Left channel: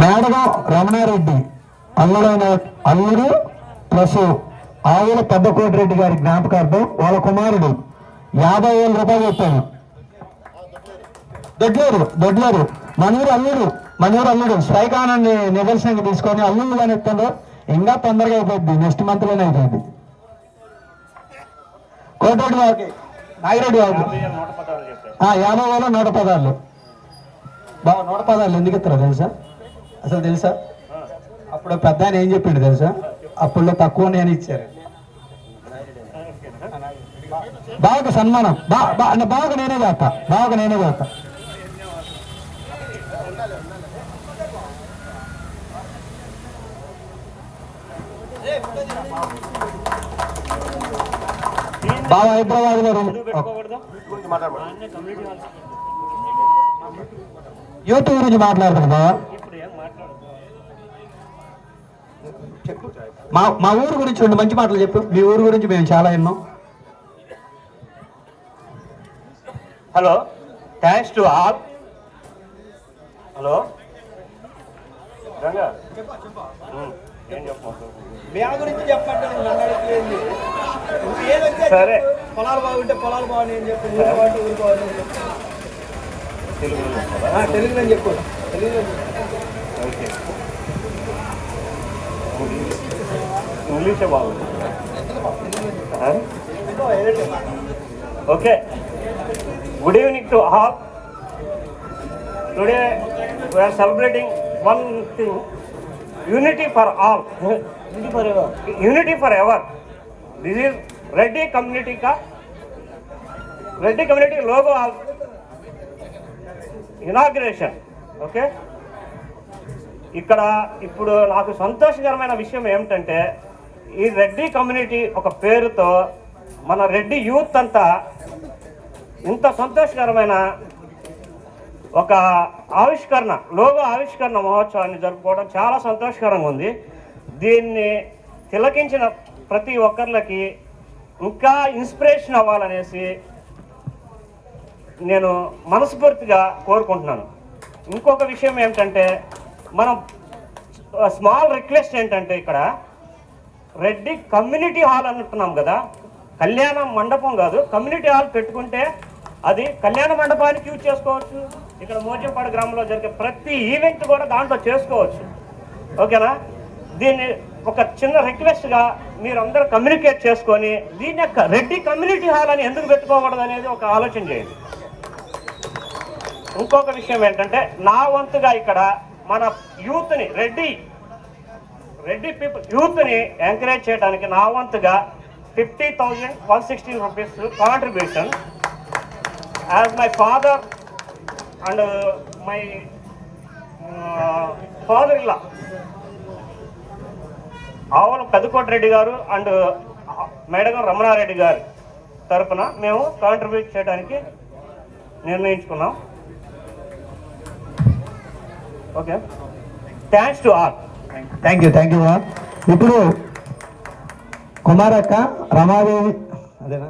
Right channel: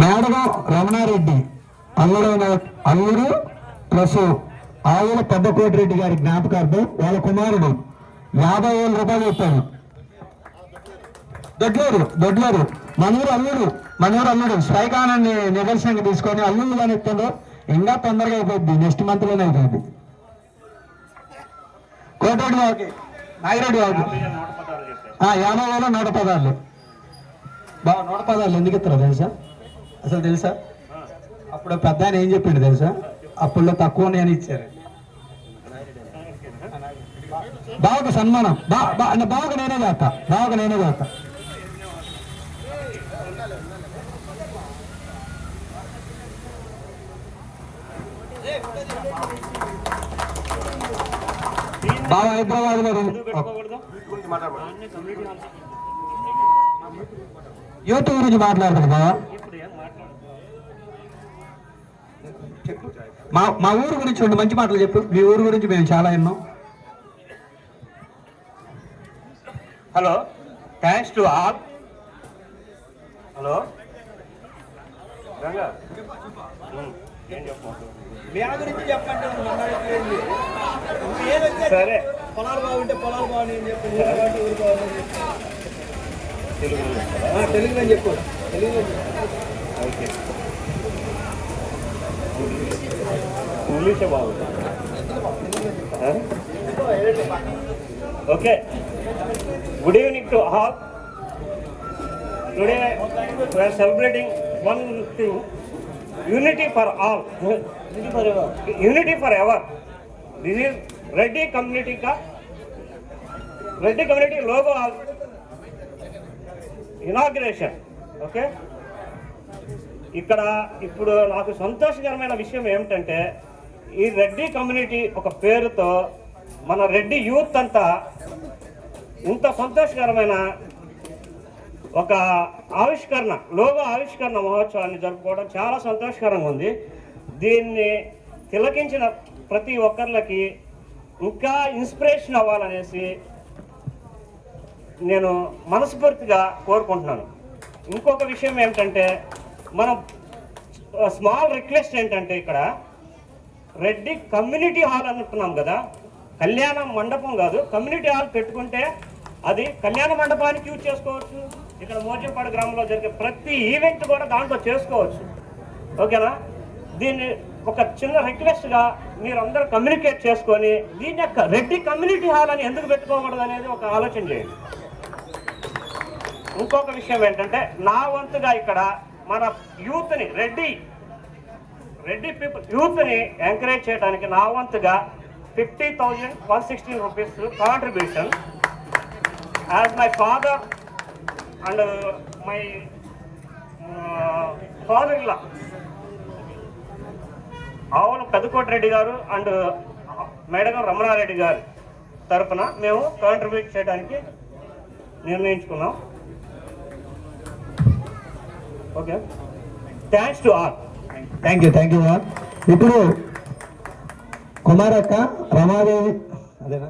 మేడగం రమణారెడ్డి అల్లుడు ప్లస్ ఆవుల పెద్దకోటిరెడ్డి గారి జ్ఞాపకార్థం వాళ్ళ కుమారుడు 50,000 రూపాయలు ఇస్తాను. దొడ్లేరు మనూరు అల్లుడు స్ట్రైకానాన్ని నిదర్శనంగా తీసుకొని అల్లుడు కానీ ఇస్తాడు. ఇంకా తొందరగా అయిపోద్ది, నెక్స్ట్ మంత్ లోనే అయిపోయింది. కోటిరెడ్డి వాకి నాగిరెడ్డి వాకి 50,000 110. బాగా 110 ఎందుకు ఇస్తారో తెలుసా? అసలు తెలుసా? అప్పుడు పెద్ద ఆయన ఏం చెప్పిండు తెలుసా? అప్పుడులో తక్కువ నేను ఇచ్చారు. బాగా సన్మానం బాగా నేనే చేస్తా. బాగా హైదరాబాద్ లో యూత్ గురించి మాట్లాడతారు బాగా. మా ఊరు గురించి 2 మంచి మాటలు చెప్పు. మీ ఊరు గురించి మేము చాలా విన్నాం. Hello, thanks to all. Hello Ganga, ఏం చెప్పండి గురించి చెప్పండి. సరే, పొలాలు బాగుంటే పొలాలు బాగుంది అని చెప్పి తెలుగులో చెప్పు. ఓకే, ఇంగ్లీషే బాగుంది. Okay, good evening to all. Today we are celebrating one thing, unity for all, unity forever. This is Reddy community logo inauguration. Okay, ఇక్కడ ఇప్పుడు నాకు సంతోషకరమైన విషయం ఏమిటంటే, ఈ రెడ్డి కమ్యూనిటీ ఒక పేరుతో మన రెడ్డి యూత్ అంతా ఇంత సంతోషకరమైన ఒక లోగో ఆవిష్కరణ మహోత్సవాన్ని జరుపుకోవడం చాలా సంతోషకరంగా ఉంది. దీన్ని తిలకించిన ప్రతి ఒక్కరికి ఇంకా ఇన్స్పిరేషన్ అవ్వాలనేసి నేను మనస్ఫూర్తిగా కోరుకుంటున్నాను. ఇంకొక విషయం ఏమిటంటే, మనం స్మాల్ రిక్వెస్ట్ ఏంటంటే, ఇక్కడ రెడ్డి కమ్యూనిటీ హాల్ అంటున్నాం కదా, కళ్యాణ మండపం కాదు, కమ్యూనిటీ హాల్ పెట్టుకుంటే అది కళ్యాణ మండపానికి యూజ్ చేసుకోవచ్చు. ఇక్కడ మోజంపాడు గ్రామంలో జరిగే ప్రతి ఈవెంట్ కూడా దాంట్లో చేసుకోవచ్చు. ఓకేనా? దీన్ని ఒక చిన్న రిక్వెస్ట్గా మీరందరూ కమ్యూనికేట్ చేసుకొని దీని యొక్క రెడ్డి కమ్యూనిటీ హాల్ అని ఎందుకు పెట్టుకోకూడదు అనేది ఒక ఆలోచన చేయండి. ఇంకొక విషయం ఏంటంటే, నా వంతుగా ఇక్కడ మన యూత్ని రెడ్డి పీపుల్ యూత్ని ఎంకరేజ్ చేయడానికి నా వంతుగా 50,116 rupees contribution as my father and my father-in-law ఆవుల పెద్దకోటిరెడ్డి గారు అండ్ మేడగం రమణారెడ్డి గారి తరఫున మేము కాంట్రిబ్యూట్ చేయడానికి నిర్ణయించుకున్నాం. Okay, thanks to all. Thank you. ఇప్పుడు కుమారక్క రమాదేవి అదేనా